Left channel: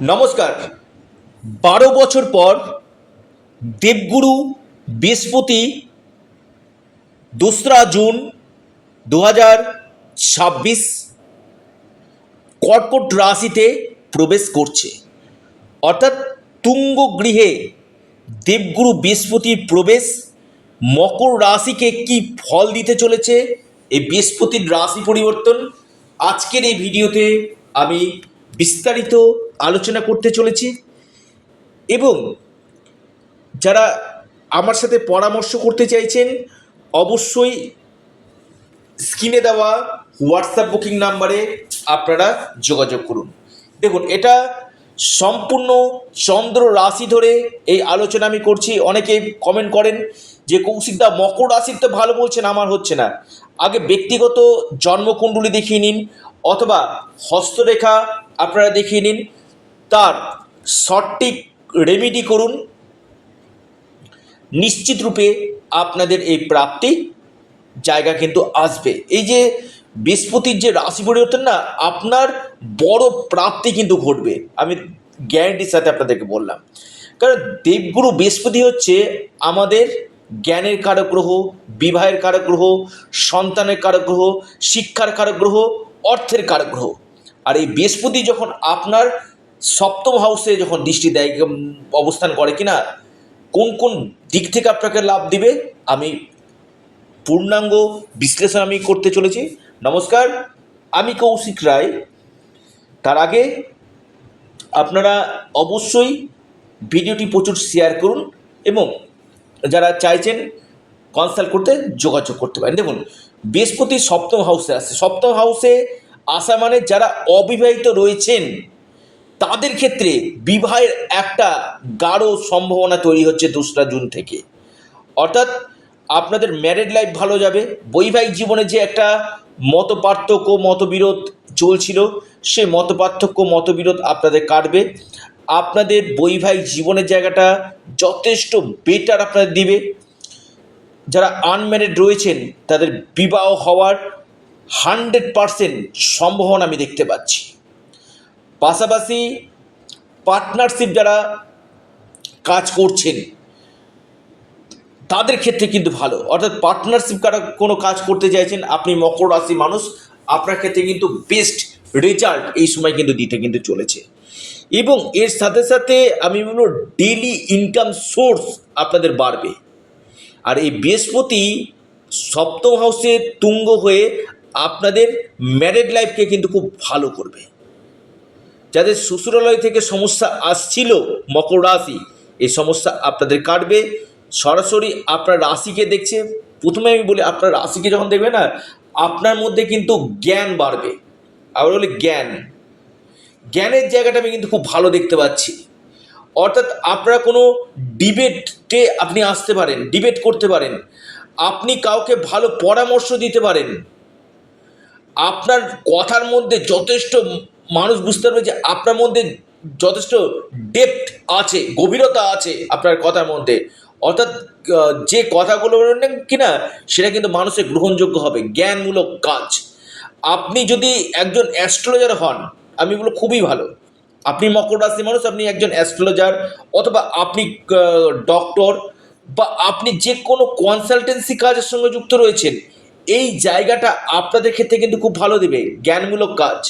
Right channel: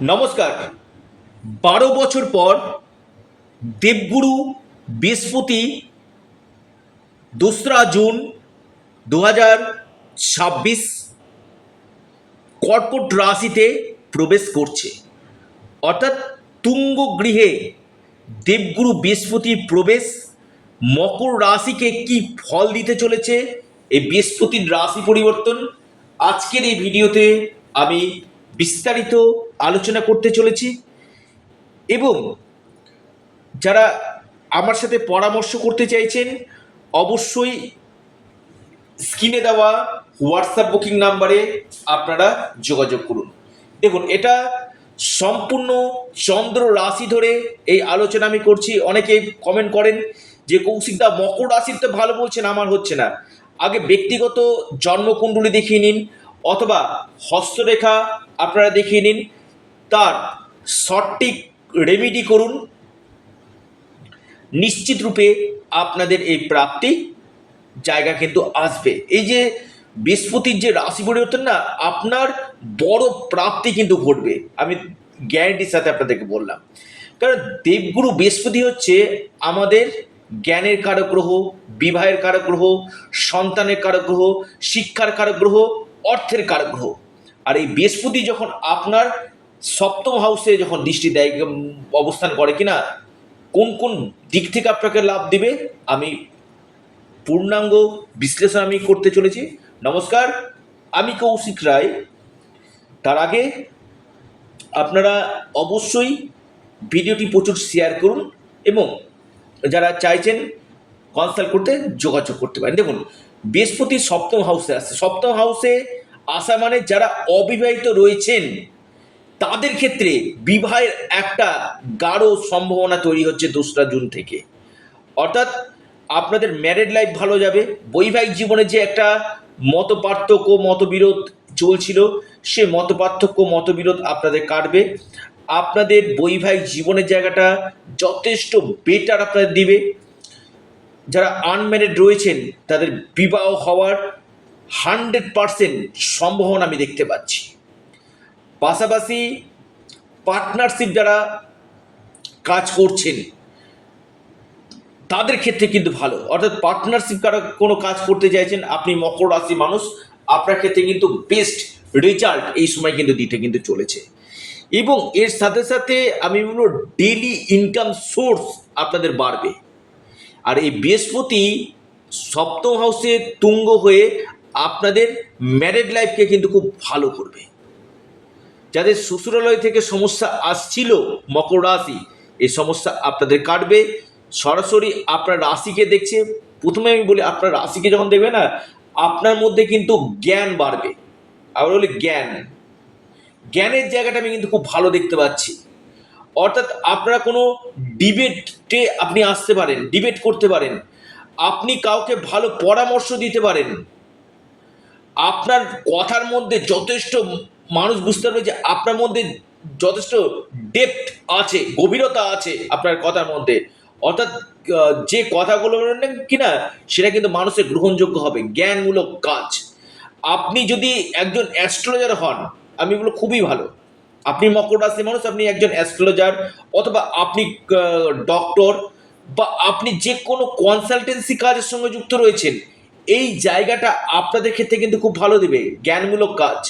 নমস্কার। 12 বছর পর দেবগুরু বৃহস্পতি 2রা জুন 2026 কর্কট রাশিতে প্রবেশ করছে। অর্থাৎ তুঙ্গ গৃহে দেবগুরু বৃহস্পতির প্রবেশ মকর রাশিকে কি ফল দিতে চলেছে, এই বৃহস্পতির রাশি পরিবর্তন আজকের এই ভিডিওতে আমি বিস্তারিত আলোচনা করতে চলেছি। এবং যারা আমার সাথে পরামর্শ করতে চাইছেন অবশ্যই স্ক্রিনে দেওয়া হোয়াটসঅ্যাপ বুকিং নাম্বারে আপনারা যোগাযোগ করুন। দেখুন, এটা সম্পূর্ণ চন্দ্র রাশি ধরে এই আলোচনা আমি করছি। অনেকে কমেন্ট করেন যে কৌশিকদা মকর রাশির তো ভালো বলছেন, আমার হচ্ছে না। আগে ব্যক্তিগত জন্মকুণ্ডলী দেখিয়ে নিন অথবা হস্তরেখা আপনারা দেখিয়ে নিন, তার সঠিক রেমিডি করুন, নিশ্চিত রূপে আপনাদের এই প্রাপ্তি জায়গা কিন্তু আসবে। এই যে বৃহস্পতির যে রাশি পরিবর্তন না, আপনার বড় প্রাপ্তি কিন্তু ঘটবে, আমি গ্যারান্টির সাথে আপনাদেরকে বললাম। কারণ দেবগুরু বৃহস্পতি হচ্ছে আমাদের জ্ঞানের কারক গ্রহ, বিবাহের কারক গ্রহ, সন্তানের কারক গ্রহ, শিক্ষার কারক গ্রহ, অর্থের কারক গ্রহ। আর এই বৃহস্পতি যখন আপনার সপ্তম হাউসে যখন দৃষ্টি দেয়, অবস্থান করে কিনা, কোন কোন দিক থেকে আপনাকে লাভ দিবে আমি পূর্ণাঙ্গ বিশ্লেষণ আমি করতে চলেছি। নমস্কার, আমি কৌশিক রায়। তার আগে আপনারা অবশ্যই ভিডিওটি প্রচুর শেয়ার করুন এবং যারা চাইছেন কনসাল্ট করতে যোগাযোগ করতে পারেন। দেখুন, বৃহস্পতি সপ্তম হাউসে আসছে। সপ্তম হাউসে আসা মানে যারা অবিবাহিত রয়েছেন তাদের ক্ষেত্রে বিবাহের একটা গাঢ় সম্ভাবনা তৈরি হচ্ছে 2রা জুন থেকে। অর্থাৎ আপনাদের ম্যারেড লাইফ ভালো যাবে। বৈবাহিক জীবনে যে একটা মতপার্থক্য মতবিরোধ চলছিল, সে মতপার্থক্য মতবিরোধ আপনাদের কাটবে। আপনাদের বৈবাহিক জীবনের জায়গাটা যথেষ্ট বেটার আপনাদের দিবে। যারা আনম্যারিড রয়েছেন তাদের বিবাহ হওয়ার 100% সম্ভাবনা আমি দেখতে পাচ্ছি। পাশাপাশি পার্টনারশিপ যারা কাজ করছেন তাদের ক্ষেত্রে কিন্তু ভালো। অর্থাৎ পার্টনারশিপ কোনো কাজ করতে চাইছেন আপনি, মকর রাশি মানুষ, আপনার ক্ষেত্রে কিন্তু বেস্ট রেজাল্ট এই সময় কিন্তু দিতে কিন্তু চলেছে। এবং এর সাথে সাথে আমি বলবো ডেইলি ইনকাম সোর্স আপনাদের বাড়বে। আর এই বৃহস্পতি সপ্তম হাউসে তুঙ্গ হয়ে আপনাদের ম্যারেড লাইফকে কিন্তু খুব ভালো করবে। যাদের শ্বশুরালয় থেকে সমস্যা আসছিল মকর রাশি, এই সমস্যা আপনাদের কাটবে। সরাসরি আপনার রাশিকে দেখছে। প্রথমে আমি বলি, আপনার রাশিকে যখন দেখবে না, আপনার মধ্যে কিন্তু জ্ঞান বাড়বে। আবার বলি জ্ঞানের জায়গাটা আমি কিন্তু খুব ভালো দেখতে পাচ্ছি। অর্থাৎ আপনারা কোনো ডিবেটে আপনি আসতে পারেন, ডিবেট করতে পারেন, আপনি কাউকে ভালো পরামর্শ দিতে পারেন। আপনার কথার মধ্যে যথেষ্ট মানুষ বুঝতে পারবে যে আপনার মধ্যে যথেষ্ট ডেপথ আছে, গভীরতা আছে আপনার কথার মধ্যে। অর্থাৎ যে কথাগুলো বলেন কিনা সেটা কিন্তু মানুষের গ্রহণযোগ্য হবে, জ্ঞানমূলক কাজ। আপনি যদি একজন অ্যাস্ট্রোলজার হন, আমি বলবো খুবই ভালো। আপনি মকর রাশি মানুষ, আপনি একজন অ্যাস্ট্রোলজার অথবা আপনি ডক্টর বা আপনি যে কোনো কনসালটেন্সি কাজের সঙ্গে যুক্ত রয়েছেন, এই জায়গাটা আপনাদের ক্ষেত্রে কিন্তু খুব ভালো দেবে। জ্ঞানমূলক কাজ,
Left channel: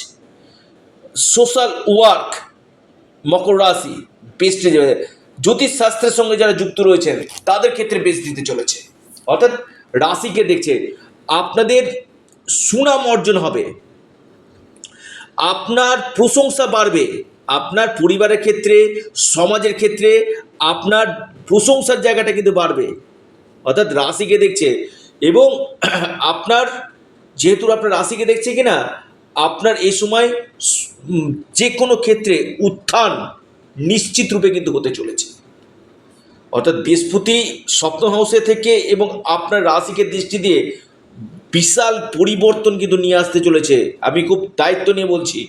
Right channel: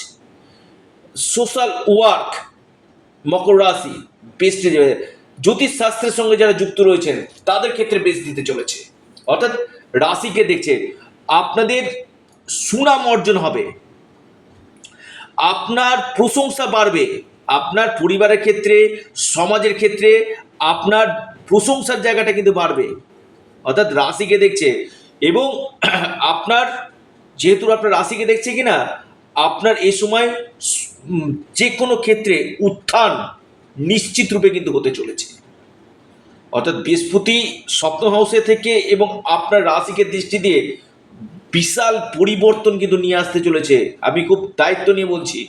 সোশ্যাল ওয়ার্ক, মকর রাশি বেস্ট দেবে। জ্যোতিষশাস্ত্রের সঙ্গে যারা যুক্ত রয়েছেন তাদের ক্ষেত্রে বেশ দিতে চলেছে। অর্থাৎ রাশিকে দেখছে, আপনাদের সুনাম অর্জন হবে, আপনার প্রশংসা বাড়বে, আপনার পরিবারের ক্ষেত্রে, সমাজের ক্ষেত্রে আপনার প্রশংসার জায়গাটা কিন্তু বাড়বে। অর্থাৎ রাশিকে দেখছে। এবং আপনার যেহেতু আপনার রাশিকে দেখছে কিনা, আপনার এই সময় যে কোনো ক্ষেত্রে উত্থান নিশ্চিত রূপে কিন্তু হতে চলেছে। অর্থাৎ বৃহস্পতি সপ্তম হাউসে থেকে এবং আপনার রাশিকে দৃষ্টি দিয়ে বিশাল পরিবর্তন কিন্তু নিয়ে আসতে চলেছে। আমি খুব দায়িত্ব নিয়ে বলছি।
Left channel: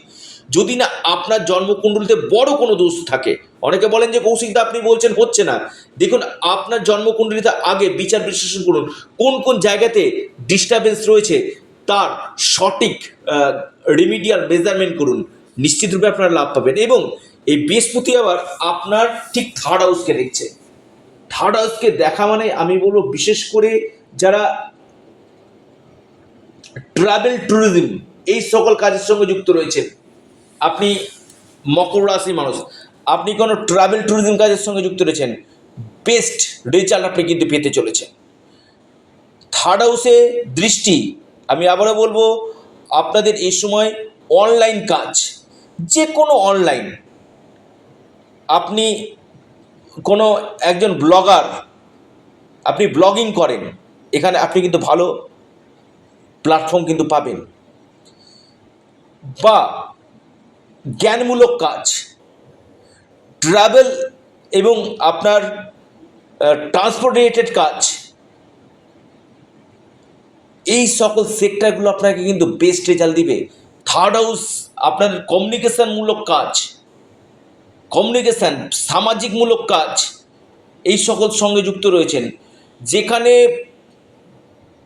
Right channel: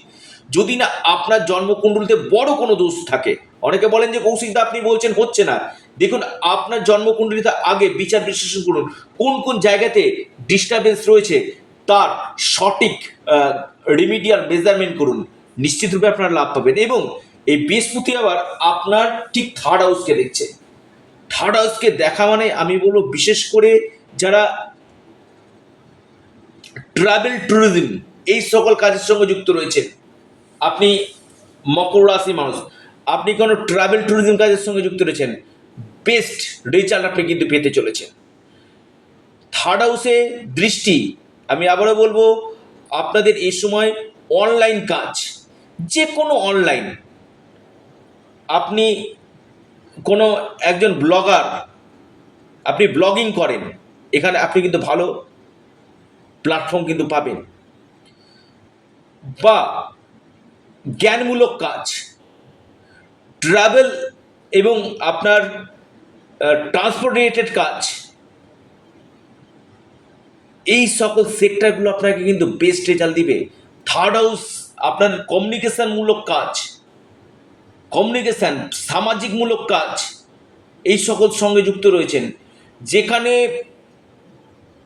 যদি না আপনার জন্মকুণ্ডলিতে বড় কোনো দোষ থাকে, অনেকে বলেন যে কৌশিকদা আপনি বলছেন হচ্ছে না, দেখুন আপনার জন্মকুণ্ডলিতে আগে বিচার বিশ্লেষণ করুন কোন কোন জায়গাতে ডিস্টারবেন্স রয়েছে, তার সঠিক রিমিডিয়াল মেজারমেন্ট করুন, নিশ্চিতরূপে আপনারা লাভ পাবেন। এবং এই বৃহস্পতি আবার আপনার ঠিক থার্ড হাউসকে দেখছে। থার্ড হাউসকে দেখা মানে আমি বলবো বিশেষ করে যারা ট্রাভেল ট্যুরিজম এই সকল কাজের সঙ্গে যুক্ত রয়েছেন, আপনি মকর রাশির মানুষ, আপনি কোনো ট্রাভেল ট্যুরিজম কাজের সঙ্গে যুক্ত রয়েছেন, বেস্ট রেজাল্ট আপনি কিন্তু পেতে চলেছেন। থার্ড হাউসে দৃষ্টি, আমি আবারও বলবো আপনাদের এই সময় অনলাইন কাজ, যে কোনো অনলাইন, আপনি কোনো একজন ব্লগার, আপনি ব্লগিং করেন, এখানে আপনি কিন্তু ভালো প্ল্যাটফর্ম কিন্তু পাবেন। বা জ্ঞানমূলক কাজ, ট্রাভেল এবং আপনার ট্রান্সপোর্ট রিলেটেড কাজ, এই সকল সেক্টরগুলো আপনাকে কিন্তু বেস্ট রেজাল্ট দিবে। থার্ড হাউস আপনার কমিউনিকেশনমূলক কাজ, কমিউনিকেশান, সামাজিকমূলক কাজ, এই সকল সঙ্গে যুক্ত রয়েছেন, যেখানে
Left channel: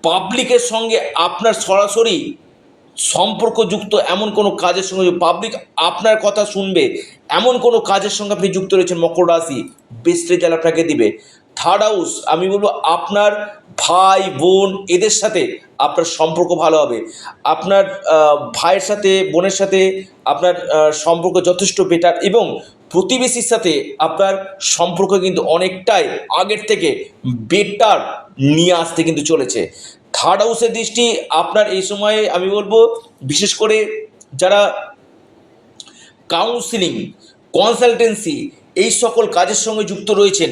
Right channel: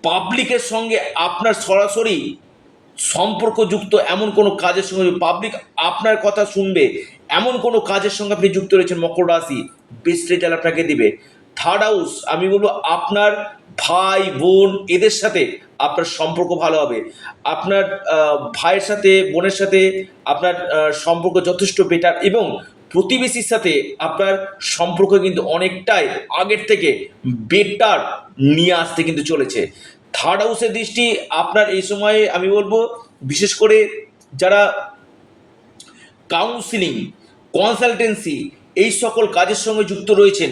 পাবলিকের সঙ্গে আপনার সরাসরি সম্পর্কযুক্ত এমন কোনো কাজের সঙ্গে, পাবলিক আপনার কথা শুনবে এমন কোনো কাজের সঙ্গে আপনি যুক্ত রয়েছেন মকর রাশি, বেস্ট রেজাল্ট আপনাকে দিবে। থার্ড হাউস আমি বলবো আপনার ভাই বোন এদের সাথে আপনার সম্পর্ক ভালো হবে, আপনার ভাইয়ের সাথে বোনের সাথে আপনার সম্পর্ক যথেষ্ট বেটার, এবং প্রতিবেশীর সাথে আপনার সম্পর্ক কিন্তু অনেকটাই আগের থেকে বেটার নিয়ে আসতে কিন্তু চলেছে। থার্ড হাউসের দৃষ্টি আপনার এই সময়ে আমি বলবো বিশেষ করে যারা কাউন্সিলিং, কনসালটেন্সি এই সকল কাজের সঙ্গে যুক্ত রয়েছেন,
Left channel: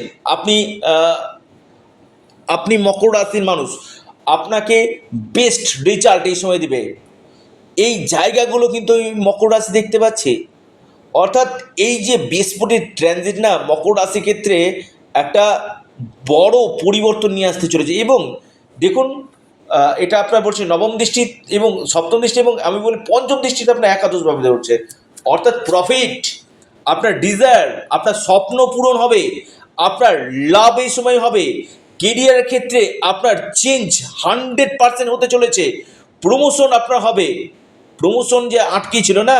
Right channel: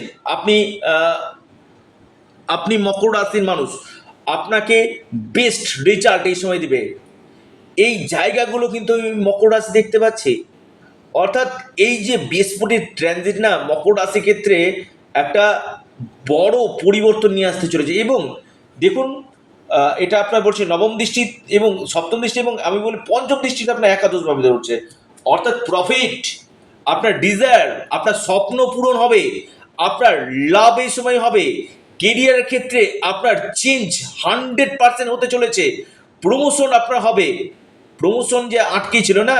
আপনি মকর রাশির মানুষ, আপনাকে বেস্ট রেজাল্ট এই সময় দিবে। এই জায়গাগুলো কিন্তু আমি মকর রাশি দেখতে পাচ্ছি। অর্থাৎ এই যে বৃহস্পতির ট্রানজিট না মকর রাশির ক্ষেত্রে একটা বড় পরিবর্তন নিয়ে আসতে চলেছে। এবং দেখুন এটা আপনার বলছে নবম দৃষ্টি এবং সপ্তম দৃষ্টি এবং আমি বলি পঞ্চম দৃষ্টিতে আপনার একাদশভাবে উঠছে। অর্থাৎ প্রফিট, আপনার ডিজায়ার, আপনার স্বপ্ন পূরণ হবে, আপনার লাভ এই সময় হবে। কেরিয়ারের ক্ষেত্রে আপনার চেঞ্জ 100% হতে চলেছে। প্রমোশন আপনার হবে, প্রমোশন যে আটকে ছিল না,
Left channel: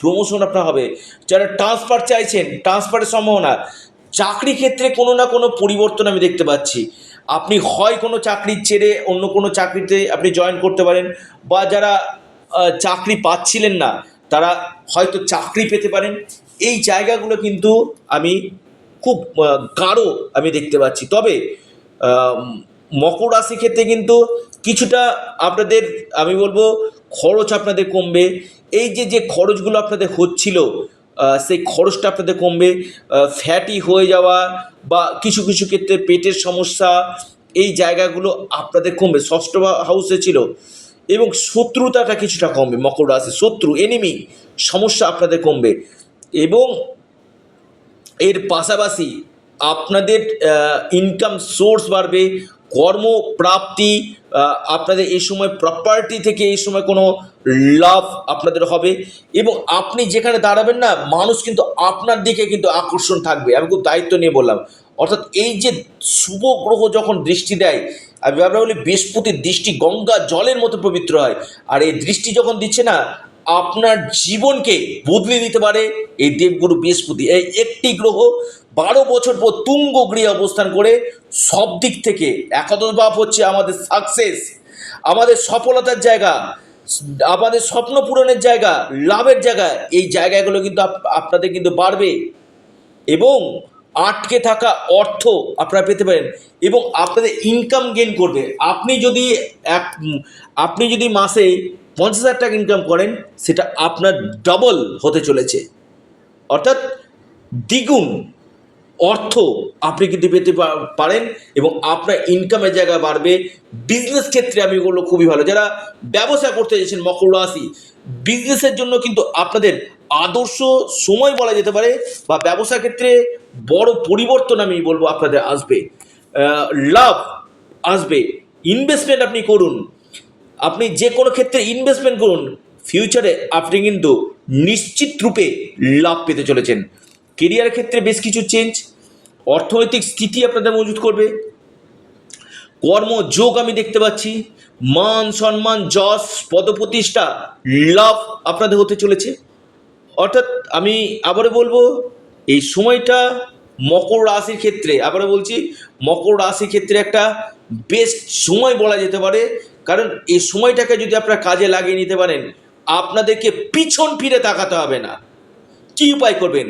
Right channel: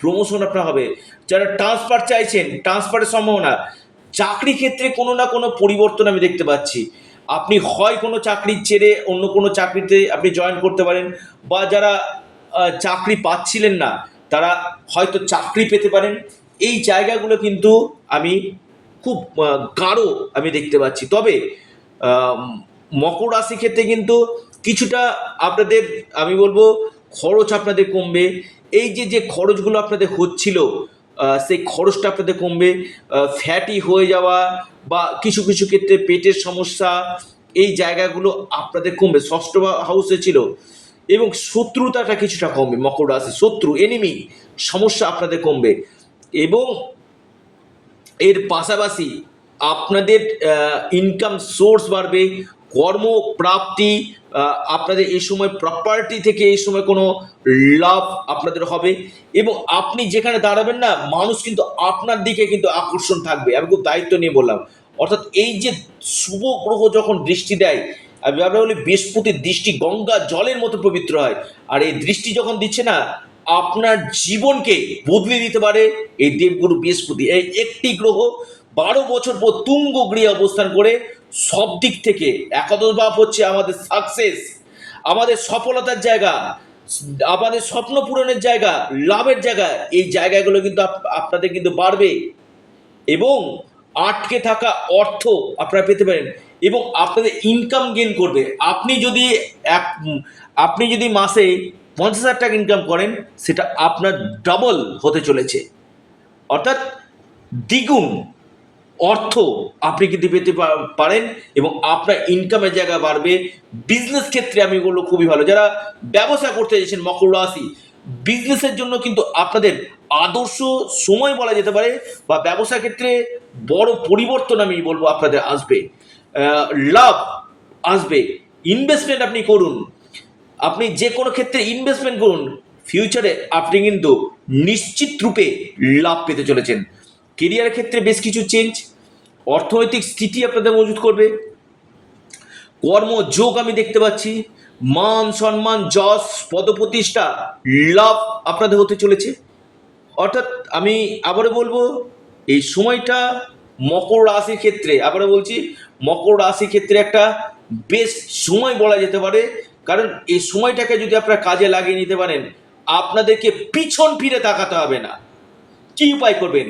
প্রমোশন আপনার হবে। যারা ট্রান্সফার চাইছেন, ট্রান্সফারের সম্ভাবনা। চাকরি ক্ষেত্রে কোনো না কোনো পরিবর্তন আমি দেখতে পাচ্ছি। আপনি হয় কোনো চাকরি ছেড়ে অন্য কোনো চাকরিতে আপনি জয়েন করতে পারেন, বা যারা চাকরি পাচ্ছিলেন না তারা হয়তো চাকরি পেতে পারেন। এই জায়গাগুলো কিন্তু আমি খুব গাঢ় আমি দেখতে পাচ্ছি। তবে মকর রাশি ক্ষেত্রে কিন্তু কিছুটা আপনাদের আমি বলবো খরচ আপনাদের কমবে। এই যে খরচগুলো আপনাদের হচ্ছিল সেই খরচটা আপনাদের কমবে। ফ্যাটি হয়ে যাওয়া বা কিছু কিছু ক্ষেত্রে পেটের সমস্যা, এই জায়গাগুলো আপনাদের কমবে। ষষ্ঠ হাউসে ছিল এবং শত্রুতাটা কিছুটা কমবে। মকর রাশি শত্রু, এনিমি সমস্যা আপনাদের কমবে। এবং এর পাশাপাশি আপনাদের ইনকাম সোর্স বাড়বে, কর্মপ্রাপ্তি, আপনাদের এই সময় প্রপার্টি থেকে এই সময় কোনো লাভ আপনাদের হবে। এবং আপনি যেখানে দাঁড়াবেন না, মানুষ কিন্তু আপনার দিকে কিন্তু আকর্ষণ থাকবে। আমি খুব দায়িত্ব নিয়ে বললাম। অর্থাৎ এই যে শুভ গ্রহ যখন দৃষ্টি দেয়, আমি বলি বৃহস্পতির দৃষ্টি গঙ্গা জলের মতো পবিত্র হয়। আর এই দৃষ্টি যখন দিচ্ছে না, আপনার জীবনকে বদলে দিতে পারে এই দেবগুরু বৃহস্পতি। এই একটি গ্রহ 12 বছর পর তুঙ্গ গৃহে অবস্থান করে সব দিক থেকে একাদশ ভাব হচ্ছে আমাদের সাকসেস, আমাদের সফলতার জায়গা, আমাদের স্বপ্ন পূরণের জায়গা, লাভের জায়গা। এই জায়গাগুলো কিন্তু আপনাদের কিন্তু বাড়বে এবং আটকে থাকা অর্থ আপনারা পেতে পারেন এবং আপনাদের ইনকাম গেইন করবে। আপনি যদি মাসে 50,000 টাকা ইনকাম করেন, সেটা আপনার ডাবল হতে চলেছে। অর্থাৎ দ্বিগুণ অর্থ আপনি কিন্তু পেতে পারেন এবং আপনার ইনকামের জায়গা বাড়বে। বিজনেস ক্ষেত্রে আমি বলবো খুবই ভালো। যারা ব্যবসা করতে চাইছেন মকর রাশি, বিজনেসের জন্য কিন্তু আপনাদের আদর্শ সময় বলা যেতে পারে, বা ব্যবসা ক্ষেত্রে বড় পরিবর্তন আমি বলবো আপনাদের আসবে, লাভ আসবে। ইনভেস্টমেন্ট আপনি করুন, আপনি যে কোনো ক্ষেত্রে ইনভেস্টমেন্ট করুন, ফিউচারে আপনি কিন্তু নিশ্চিত রূপে লাভ পেতে চলেছেন। কেরিয়ার ক্ষেত্রে বেশ কিছু চেঞ্জ, অর্থনৈতিক স্থিতি আপনাদের মজবুত করবে, কর্মযোগ আমি দেখতে পাচ্ছি, মান সম্মান যশ পদপ্রতিষ্ঠা লাভ আপনাদের হতে চলেছে। অর্থাৎ আমি আবারও বলবো, এই সময়টা মকর রাশির ক্ষেত্রে, আবারও বলছি, মকর রাশির ক্ষেত্রে একটা বেস্ট সময় বলা যেতে পারে। কারণ এই সময়টাকে যদি আপনারা কাজে লাগিয়ে নিতে পারেন, আপনাদেরকে পিছন ফিরে তাকাতে হবে না। কী উপায় করবেন?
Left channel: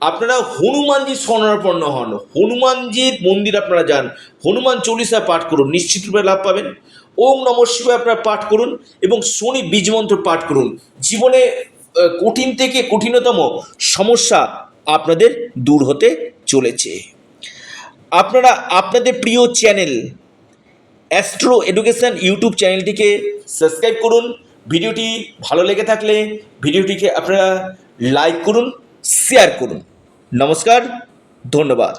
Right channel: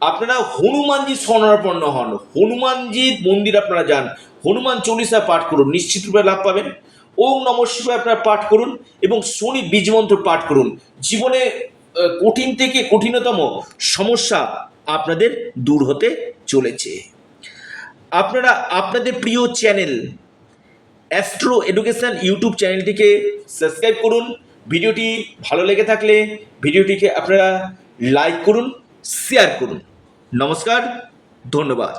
আপনারা হনুমানজির শরণাপন্ন হন, হনুমানজির মন্দির আপনারা যান, হনুমান চল্লিশা পাঠ করুন, নিশ্চিতরূপে লাভ পাবেন। ওম নমঃ শিবায় আপনারা পাঠ করুন এবং শনি বীজ মন্ত্র পাঠ করুন। জীবনে কঠিন থেকে কঠিনতম সমস্যা আপনাদের দূর হতে চলেছে। আপনারা আপনাদের প্রিয় চ্যানেল অ্যাস্ট্রো এডুকেশন ইউটিউব চ্যানেলটিকে সাবস্ক্রাইব করুন। ভিডিওটি ভালো লেগে থাকলে ভিডিওটিকে আপনারা লাইক করুন, শেয়ার করুন। নমস্কার, ধন্যবাদ।